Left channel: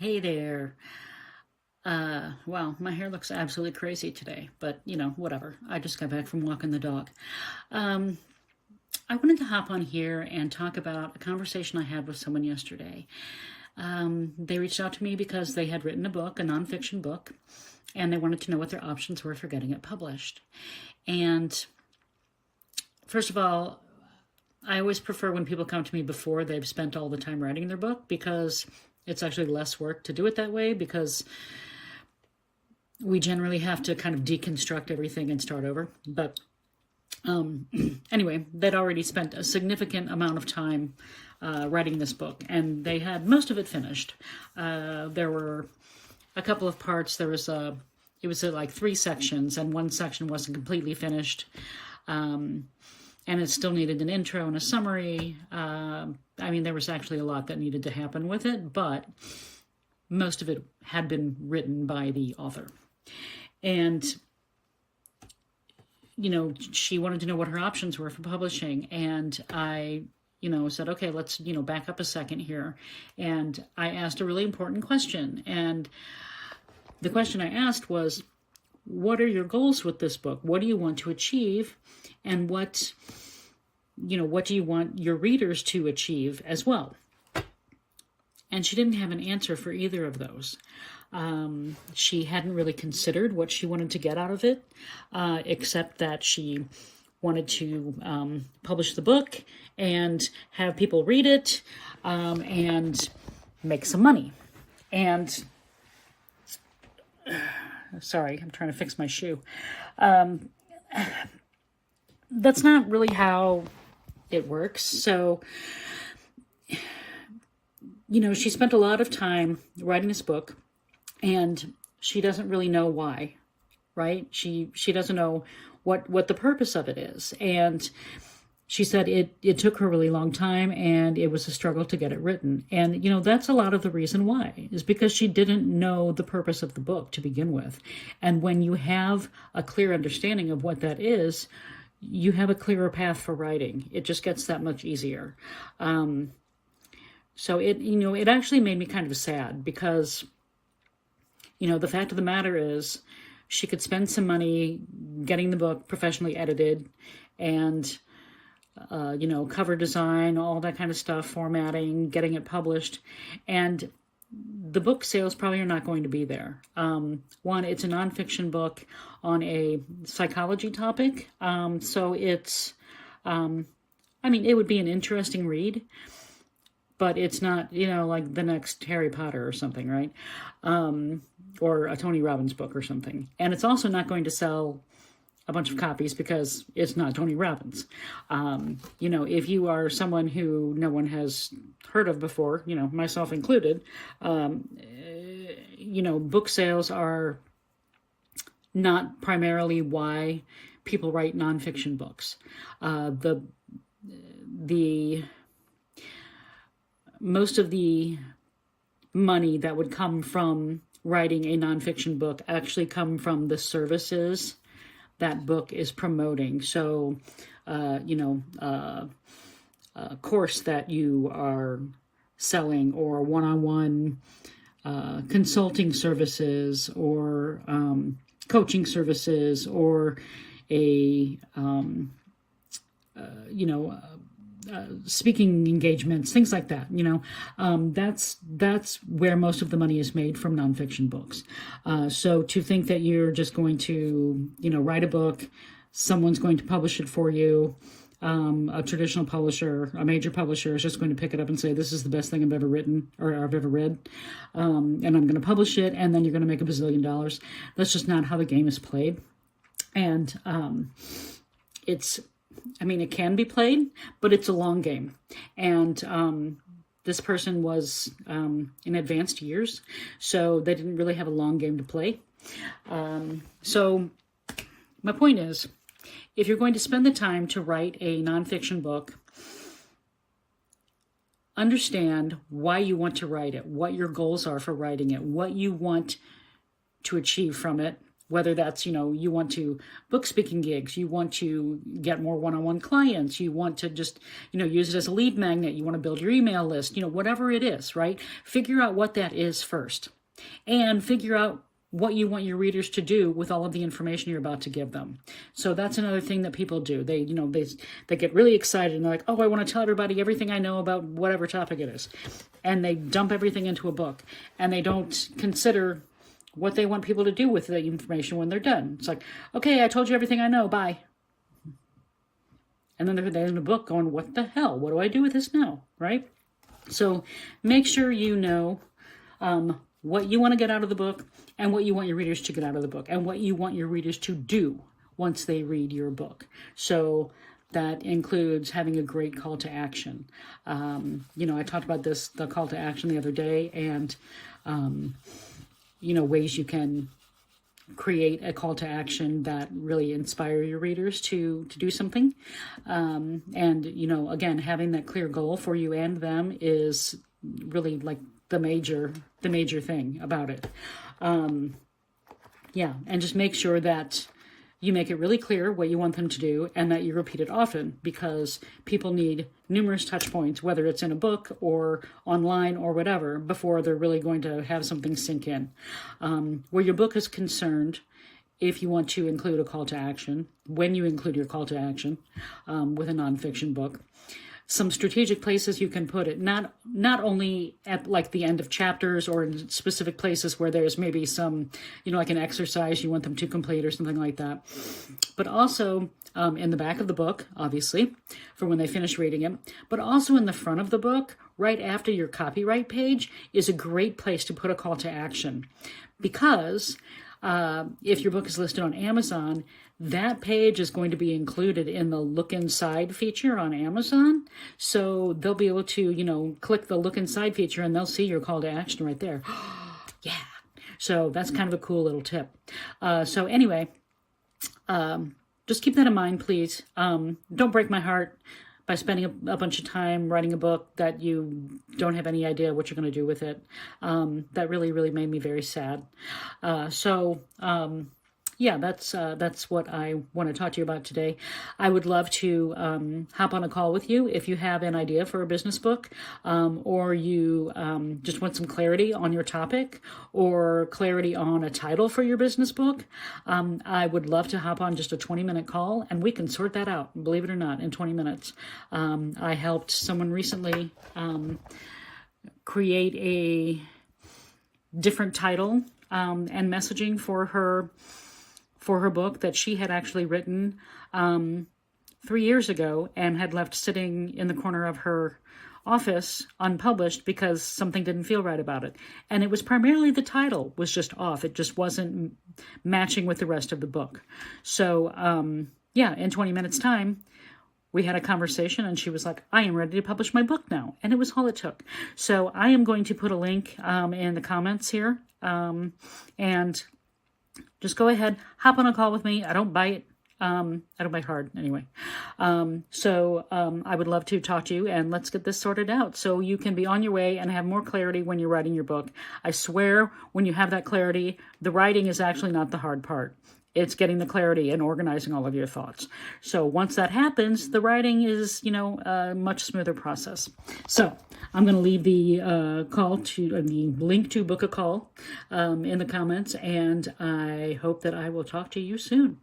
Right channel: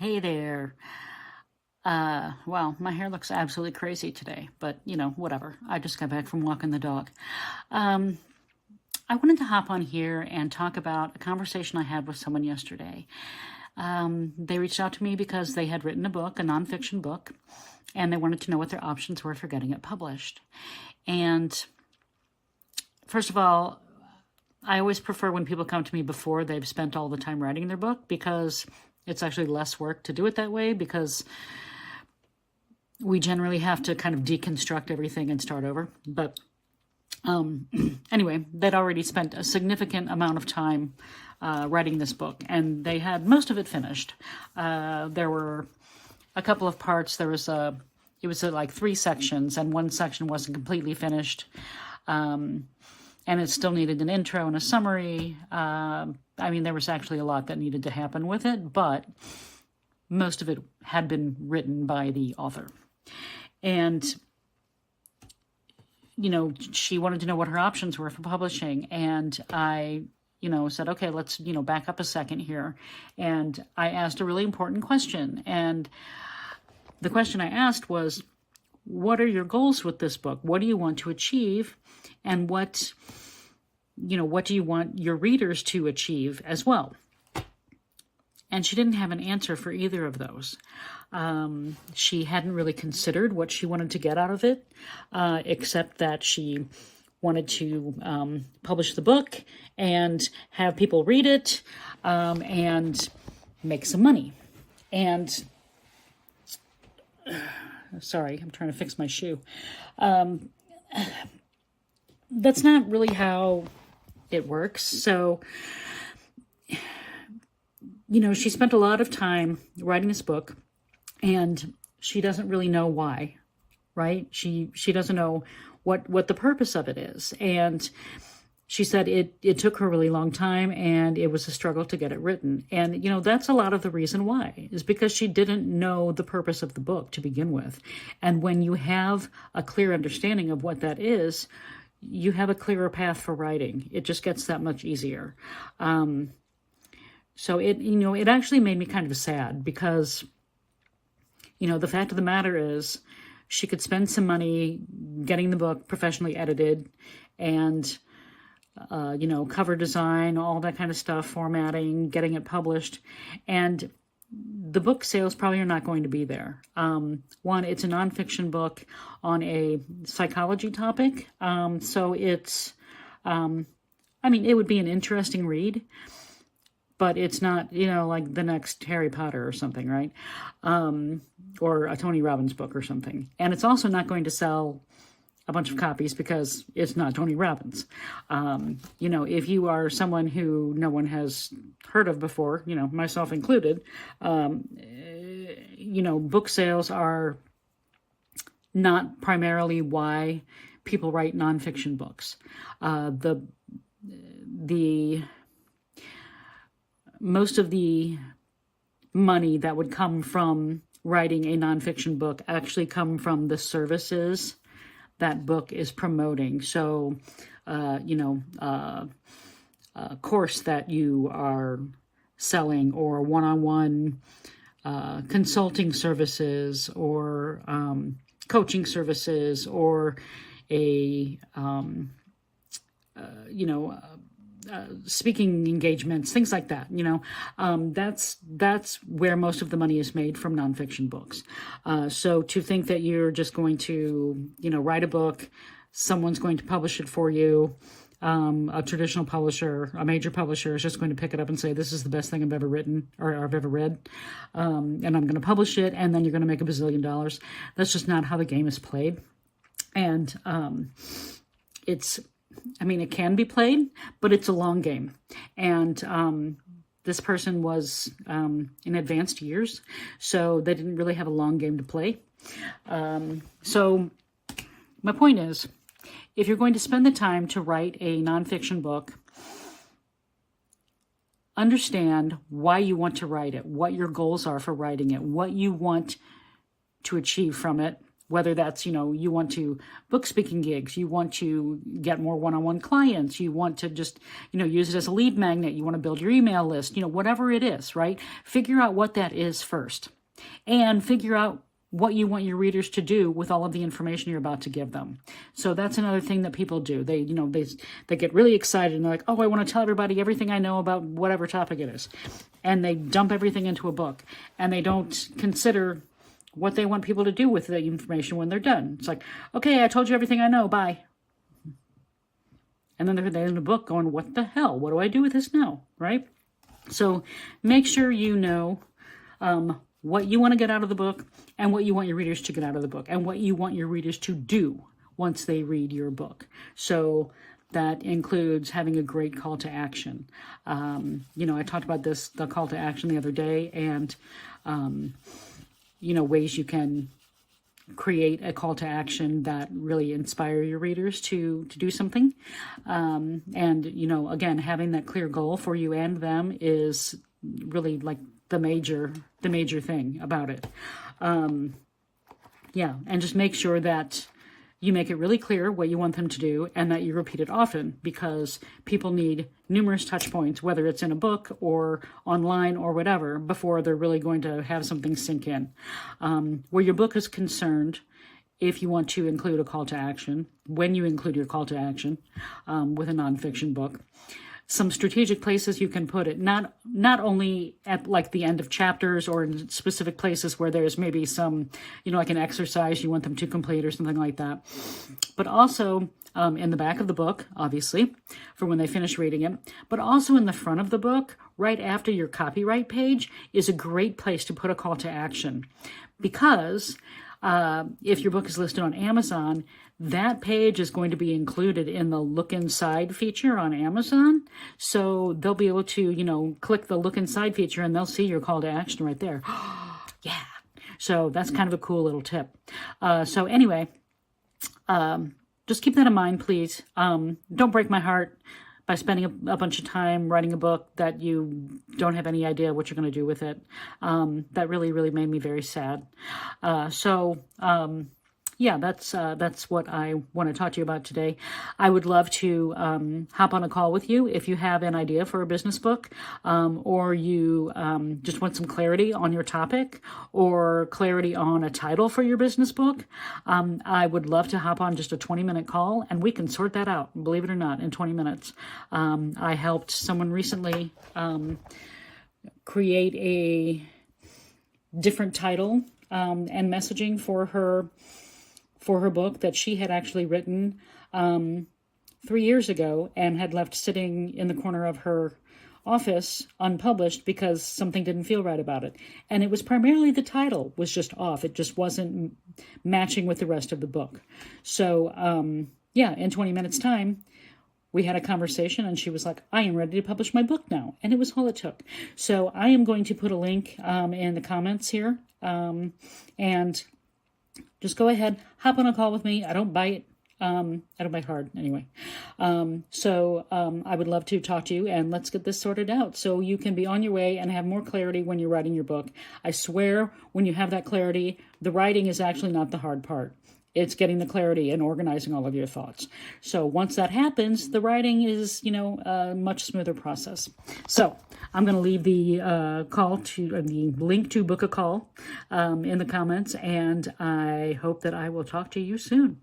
Hey there. Well, my hair looks absolutely crazy today, but whatever. I just got back from walking the dog. Um, I wanted to hop on here and talk about a conversation I had with someone yesterday. They reached out to me because they had written a book, a nonfiction book, and they wanted to know what their options were for getting it published. And first of all, I always prefer when people come to me before they've spent all the time writing their book because it's actually less work to do it that way because we generally have to kind of deconstruct everything and start over. But anyway, they'd already spent a significant amount of time writing this book, and they had most of it finished. There were a couple of parts. It was like 3 sections, and one section wasn't completely finished. And it still needed an intro and a summary. There was actually a lot that needed to happen with it, but most of it had been written by the author. And, she wanted to know what her options were for publishing. And I, said, okay, let's, back up a second here. And I asked a really important question. And the question I asked was, what are your goals with this book? What do you want to achieve? And what do you want your readers to achieve as well? And she didn't have an answer for either of those. She hadn't really considered what she wanted to get out of it, except that she wanted to publish the book and have people read it and make some money. And sorry, I'm trying to fix my shoe. That's not really how it works. So, she spent a lot of time writing this book, and she doesn't really know why, right? She doesn't know what the purpose of it is. And she said it took her a really long time, and it was a struggle to get it written. And, that's a lot of the reason why, is because she didn't know the purpose of the book to begin with. And when you have a clear understanding of what that is, you have a clearer path for writing. It just gets that much easier. So it actually made me kind of sad because, the fact of the matter is she could spend some money getting the book professionally edited and, cover design, all that kind of stuff, formatting, getting it published. And the book sales probably are not going to be there. One, it's a nonfiction book on a psychology topic. So it's, it would be an interesting read, but it's not, like the next Harry Potter or something, right? Or a Tony Robbins book or something. And it's also not going to sell a bunch of copies because it's not Tony Robbins. If you are someone who no one has heard of before, myself included, book sales are not primarily why people write nonfiction books. The most of the money that would come from writing a nonfiction book actually come from the services that book is promoting. So, a course that you are selling, or one-on-one consulting services, or coaching services, or a speaking engagements, things like that. That's where most of the money is made from nonfiction books. So to think that you're just going to, write a book, someone's going to publish it for you, a traditional publisher, a major publisher is just going to pick it up and say, this is the best thing I've ever written or I've ever read, and I'm going to publish it, and then you're going to make $1 bazillion. That's just not how the game is played. And it can be played, but it's a long game. And this person was in advanced years, so they didn't really have a long game to play. So my point is, if you're going to spend the time to write a nonfiction book, understand why you want to write it, what your goals are for writing it, what you want to achieve from it, whether that's, you want to book speaking gigs, you want to get more one-on-one clients, you want to just, use it as a lead magnet, you want to build your email list, whatever it is, right? Figure out what that is first, and figure out what you want your readers to do with all of the information you're about to give them. So that's another thing that people do. They get really excited and they're like, oh, I want to tell everybody everything I know about whatever topic it is. And they dump everything into a book, and they don't consider what they want people to do with the information when they're done. It's like, okay, I told you everything I know, bye. And then they're in the book going, what the hell? What do I do with this now, right? So make sure you know what you want to get out of the book, and what you want your readers to get out of the book, and what you want your readers to do once they read your book. So that includes having a great call to action. I talked about the call to action the other day, and ways you can create a call to action that really inspire your readers to do something. Again, having that clear goal for you and them is really like the major thing about it. And just make sure that you make it really clear what you want them to do, and that you repeat it often, because people need numerous touch points, whether it's in a book or online or whatever, before they're really going to have something sink in. Where your book is concerned, if you want to include a call to action, when you include your call to action with a nonfiction book, some strategic places you can put it, not only at like the end of chapters or in specific places where there's maybe some, like an exercise you want them to complete or something like that, but also in the back of the book, obviously, for when they finish reading it, but also in the front of the book, right after your copyright page, is a great place to put a call to action. Because if your book is listed on Amazon, that page is going to be included in the look inside feature on Amazon. So they'll be able to, click the look inside feature, and they'll see your call to action right there. Yeah. So that's kind of a cool little tip. So anyway, just keep that in mind, please. Don't break my heart by spending a bunch of time writing a book that you don't have any idea what you're going to do with it. That really, really made me very sad. That's what I want to talk to you about today. I would love to hop on a call with you if you have an idea for a business book, or you just want some clarity on your topic, or clarity on a title for your business book. I would love to hop on just a 20-minute call, and we can sort that out, believe it or not, in 20 minutes. I helped someone recently create a different title and messaging for her book that she had actually written 3 years ago and had left sitting in the corner of her office unpublished because something didn't feel right about it. And it was primarily the title was just off. It just wasn't matching with the rest of the book. So, in 20 minutes time, we had a conversation, and she was like, I am ready to publish my book now. And it was all it took. So I am going to put a link in the comments here. And just go ahead, hop on a call with me. I don't bite. I don't bite hard anyway. I would love to talk to you, and let's get this sorted out so you can be on your way and have more clarity when you're writing your book. I swear, when you have that clarity, the writing is actually not the hard part. It's getting the clarity and organizing all of your thoughts. So once that happens, the writing is, a much smoother process. So I'm going to leave the the link to book a call in the comments, and I hope that I will talk to you soon.